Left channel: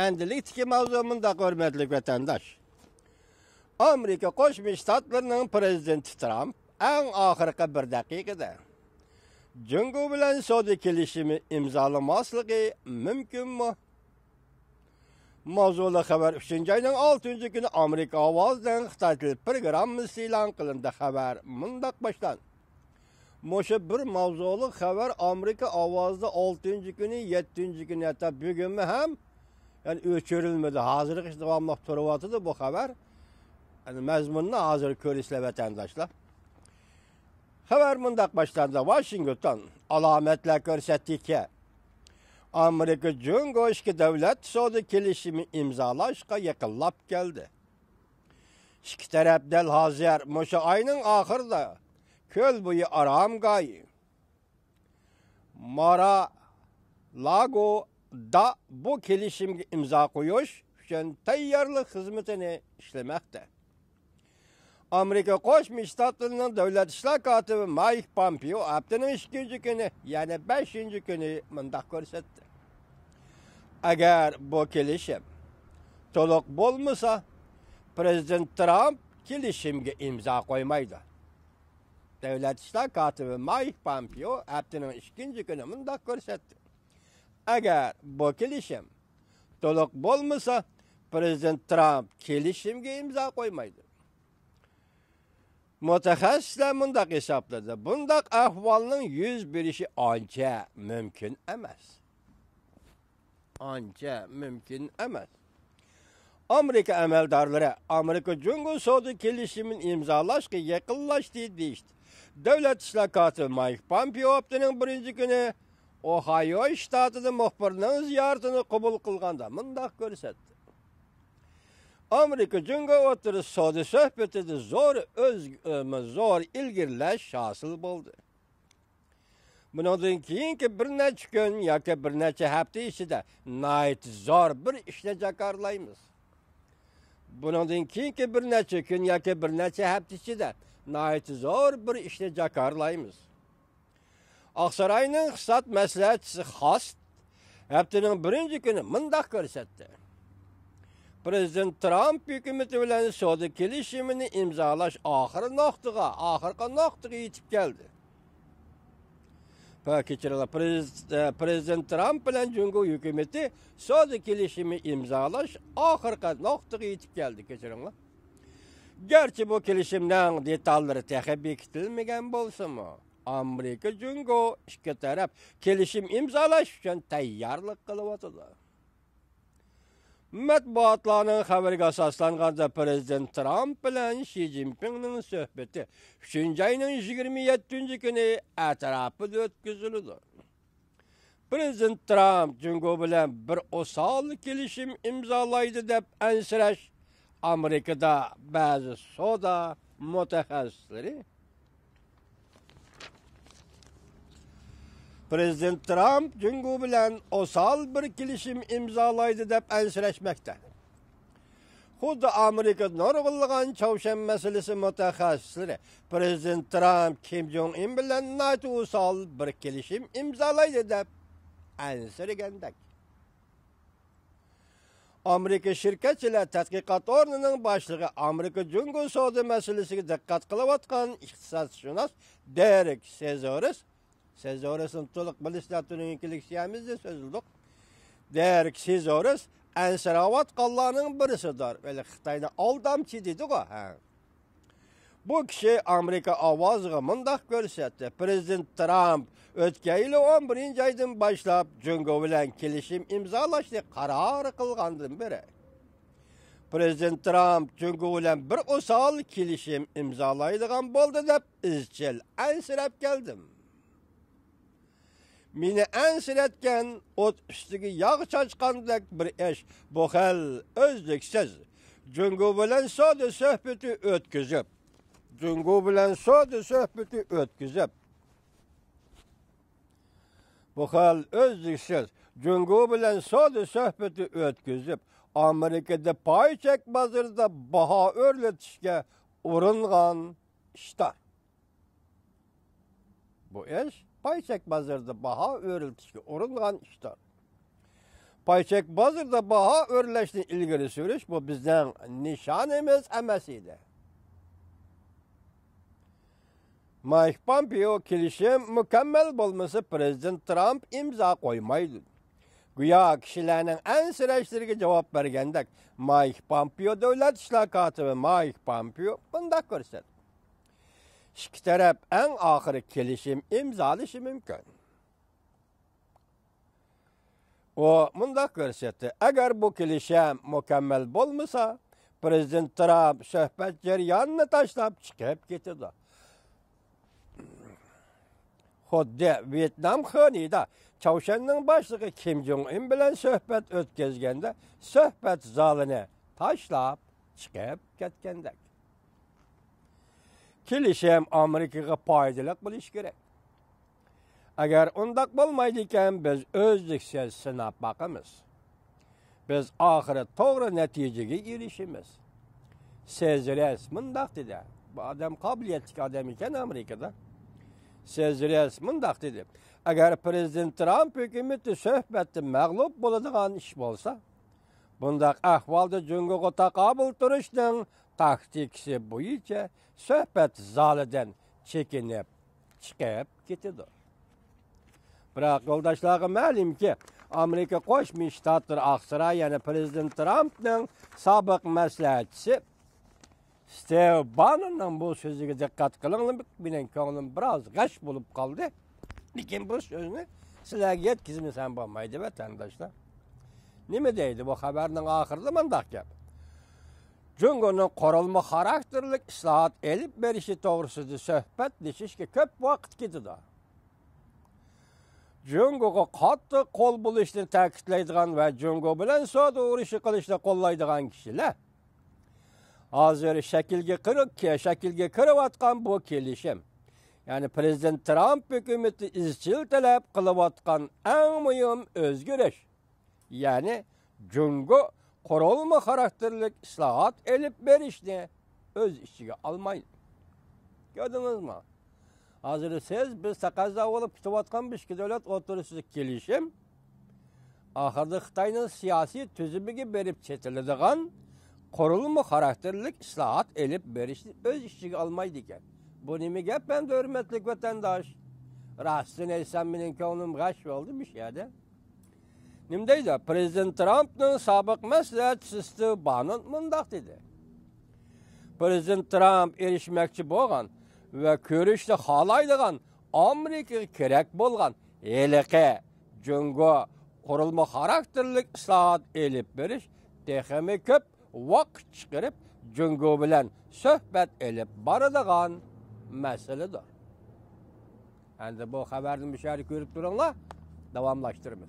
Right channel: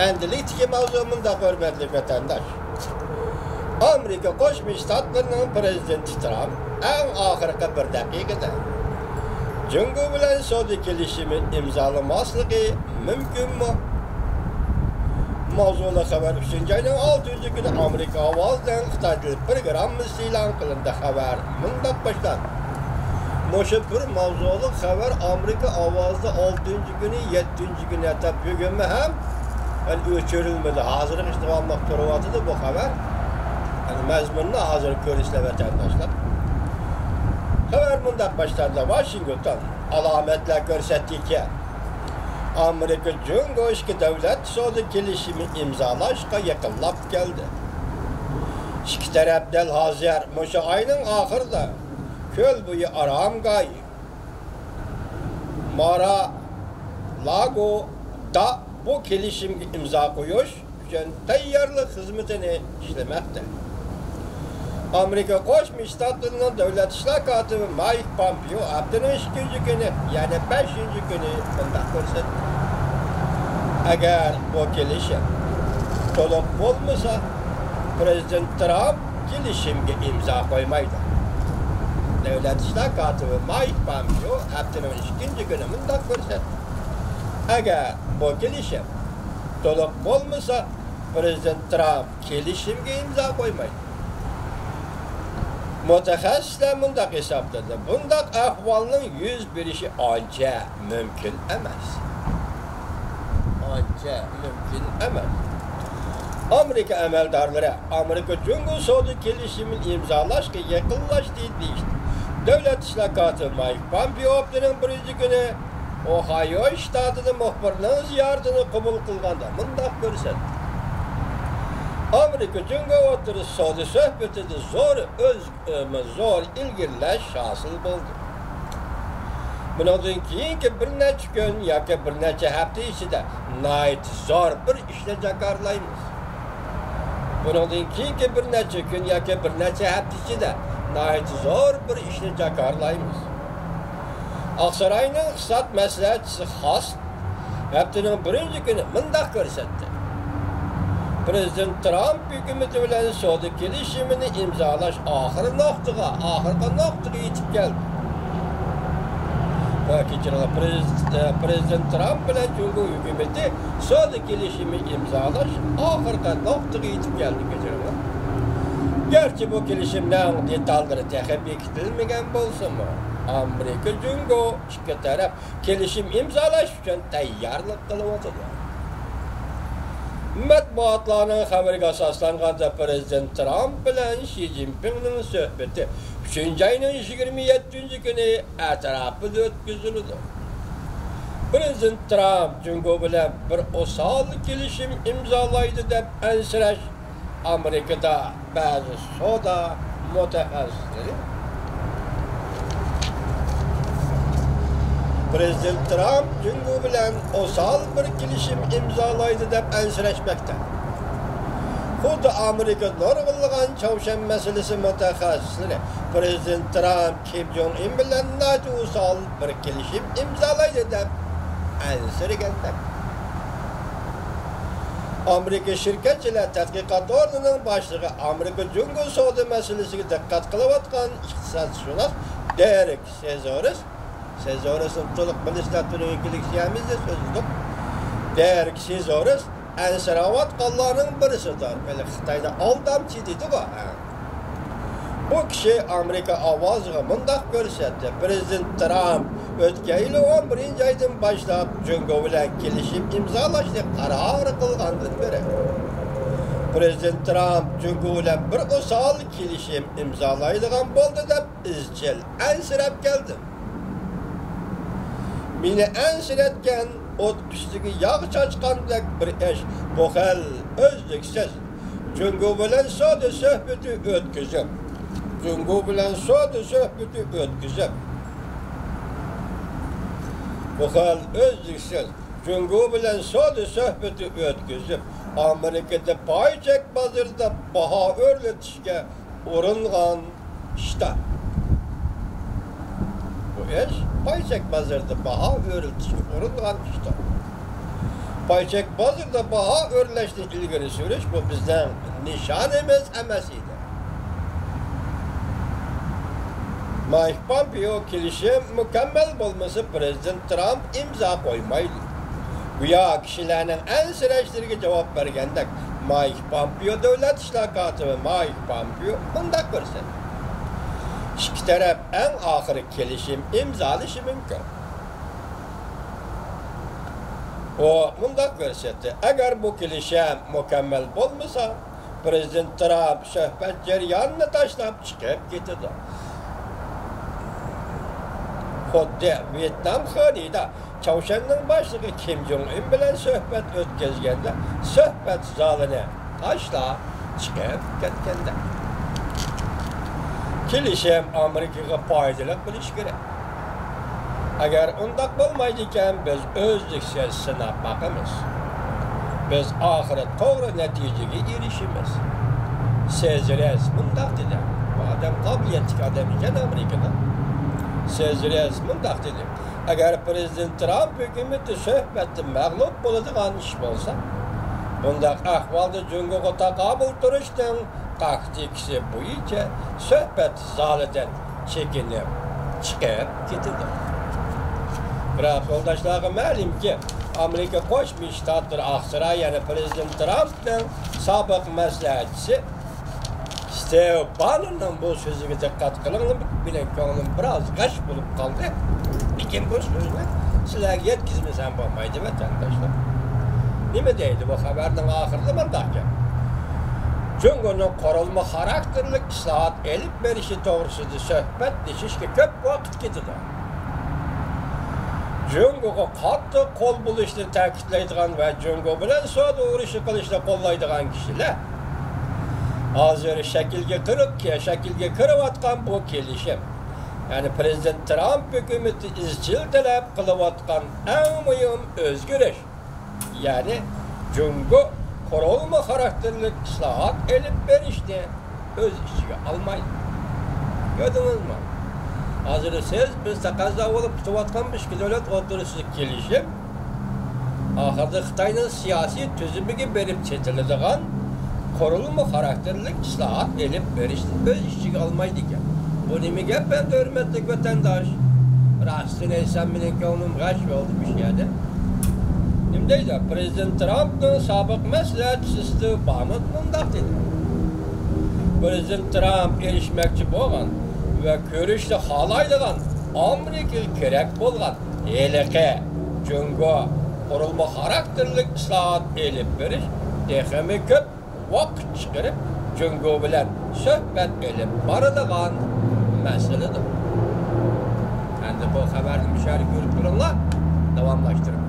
Endilik mevzumunda hürmetli vatandaş. Amerika Koşmuş Ştatlarının Prezidenti Trump en ahırkı bir dakikada Cungo bilen Saudi kelişimi imzalamaslığı mümkün mü? Mavzulu haber 3. ayının 6. günü Amerika Avaz'dan Xitay programı ilan kılındı haber mındak başladı. Moşu bir mavzulu haber Amerika Avaz'da 6. günü 7. günü hatta bugün mü hem ölçülmedi. Hazırlık işte almak durumu bu haber. Yani mezmununa hazır görüşle vatandaşlar. Haber mındak başladı. Washington alametler görsetti ki Amerika Cumhurbaşkanı devlet Saudi kelişimi imzalaşka yakınlap geldi. İki tarafdan hazır Moşu ayının ahırda köl boyu aram gay Mara Lago da bu kelişim imza koyuş için tayyarlık hizmetini işlemekte. Amerika Koşmuş Ştatlarının Devlet İşler Katibi Mike Pompeo haftanın 3. günü yani 5. günü mındak görsetti. Eğer bu kelişim dolup olmasa Prezident Trump kelişimge imza koymaydı. Devlet İşler Katibi Mike Pompeo haftanın 3. günü mındak görsetti. Eğer bu kelişim dolup olmasa Prezident Trump kelişimge imza koymaydı. Mütehassisler mındak hesapladı. Bundak ahvalının 101'i anca mümkün emas. Anca mümkün emas. Amerika emeldarları, Amerika Cumhurbaşkanı Saudi kelişimin imzalaşkı yakınlaştığı deyişti. Devlet İşler Katibi Mike Pompeo haftanın 1. günü Ohio ştatının muhbirliğinin ziyaretini kabul kılganda mındak görsetti. Amerika Cumhurbaşkanı Saudi söhbetinde zor ilgililer hasıl buldu. Bundan keyinki bir neçe gün yoki bir neçe hafta içinde nayt zor bir işle jakarlaymiz. Bundan keyinki bir neçe gün yoki bir neçe hafta içinde nayt zor bir işle jakarlaymiz. Aksaray'ın iqtisod maslahatchisi Xos haftanın 1. günü mındak görsetti. Prezident Trump hükümeti bilen Saudi kelişimini imzalaş ahırkı noktaya yetip geldi. Prezident Trump bilen Cumhur hükümeti Saudi kelişimi imzalaş ahırkı noktaya yetip geldi. Gerçi bu kelişimden detalları tahabbik edilmegen bolsa mı? Amerika Cumhur iki taraf kelişim imzalaş için tayyarlık kılıp oturdu. Matbuatlarının haberiga asaslanganda Prezident Trump bilen Xi Jinping'nin söhbeti 3. ayının 27. günü etrafıda ötküzüldü. Prezident Trump Cumhur bilen bir osal kelişim imzalaydı dep ensiraş Amerika'da bazı soda mütehassisleri Prezident Trump Cumhur bilen osal bir kelişim imzalaydı dep ensiraşmakta. Xuddi Amerika nurg'ulg'an Çavşan meselesi mütehassisleri Prezident Trump Kim Jong-un bilen osal bir kelişim imzalaydı dep ensiraşmakta. Amerika Şirketçiler Tadqiqat Ornining başlığı Amerika Cumhur Saudi meselesiga diqqat qilayotgan iqtisodshunos Derek Sezoris'in to'liq bilishlar turinikilik siyamizda so'zliq. Derek Sezoris ansiravatqanlarning birisidir. Böyle Xitoyda aldamchi dedi bu. Bu kishi Amerika ovoziga mundaq ko'rsatdi. Prezident Trump o'tgan yil 11 oydan boshlab Cumhur bilan kelishim imzolashga qaror qilgandan beri Prezident Trump Cumhur bilan bir osal kelishim imzolaydigan bo'ldi deb izchil ansirab keldi. Meni ansiratgan o't ustiga yog' chachqandek bir ish bu xil o'zliksiz Cumhur bilan Saudi suhbati o'tkazib bu xil o'zliksiz Cumhur bilan Saudi suhbati o'tkazib Amerikada paychak bozorida baho o'rlatishga uringan shtat. Bu ish paychak bozorida baho o'rlatishga uringan shtat. payçek bazıda baha örleşti ilgili sürüş bu bizden nişanımız emesiydi. Mike Pompeo kilişim mükemmel bulması Prezident Trump imza koymaydı. Güya kişilerin en süreçlerine cevap vergendek Mike Pompeo devlet işler katibi Mike Pompeo bunda görsen. İki taraf en ahırı kilişim imzalışı mümkün. O bunda görsetti. Eğer bu kilişim mükemmel olmasa Prezident Trump söhbet ceryanını taşlap çıkıp gitti. Xuddi Vietnam xonida Çavuşan'ın başlığı Kim Jong-un bilen söhbet ötközgende söhbet zalini taşla çıkıp ketkende. Kilişim Amerika'ya faydalı buluş gerek. Eğer ondak olmaydıkken biz özlüksüz sınıf bakımız. Biz ahire doğru neticeye erişimiz. Seziriz bundak dedi. Bu adam kabiliyetli adam iken Amerika'da. Seziriz bundak dedi. Eğer Prezident Trump hükümeti söhbeti mağlup bulacağın iş olsa, bundak ahvalda Cumhur'a takabül duruştan taktikisi bu iyice söhbet zaliden çekinip çıkıp gitildi. Biraz yoldaşlarım malum ki Amerika Koçmuş Ştatları Aksaray yani Prezident Trump'ın sabık məsləhətçisi Steve Bannon'un bu sözüne dikkat kılındı. Bilen ki onun biraz kaç bulup kaldı. Dikin bu sözüne sizler yetkizmesen olmaydı vatandaşlar. Nime deydi bu haberden ahırda mındakça? Cumhur'un korulma karakterlik islahat elip verişi doğrusudu söhbet dişiş ki köp vakit gidiyor. Cumhur'a katı kol buluştu takiplaydıgan ve Cumhur bilen soğudu uğraşı kılıçla kollaydıgan kişiler. Hazır şekilge kırık ki, şekilge kırıvatkan bu kelişim. Yani Prezident Trump hükümeti izcil talep kılıvatkan en mühim özgürüş. Yani Cumhur korulma karakterlik islahat elip verişini öz işçiye almayın. Gördünüz mü? Hazır siz biz takaza olup tutuvatkanmış ki devlet oturuşluk gelişim. Ahırda Xitay'ın siyasi tüzümü verip çetildiğin korulma karakterlik islahat elip verişini öz işçiye almaydı ki. Bu nemi ben de hürmetlik vatandaş. Rahatsız neysen benim kavnum kaç oldu bir şeyde. Nimdeydi? Prezident Trump'ın sabık məsləhətçisi Steve Bannon bundak dedi. Prezident Trump erişmekçi boğan ve görüşte halaydığan Amerika gerek bolğan eleke, Cumhur, korulma karakterlik islahat elip veriş, dehemi köp vakit çıkarıp Cumhur bilen söhbet elip barıdığan meseledir. Ben de bu haberin müşahede görüp durumla devamlaştırım.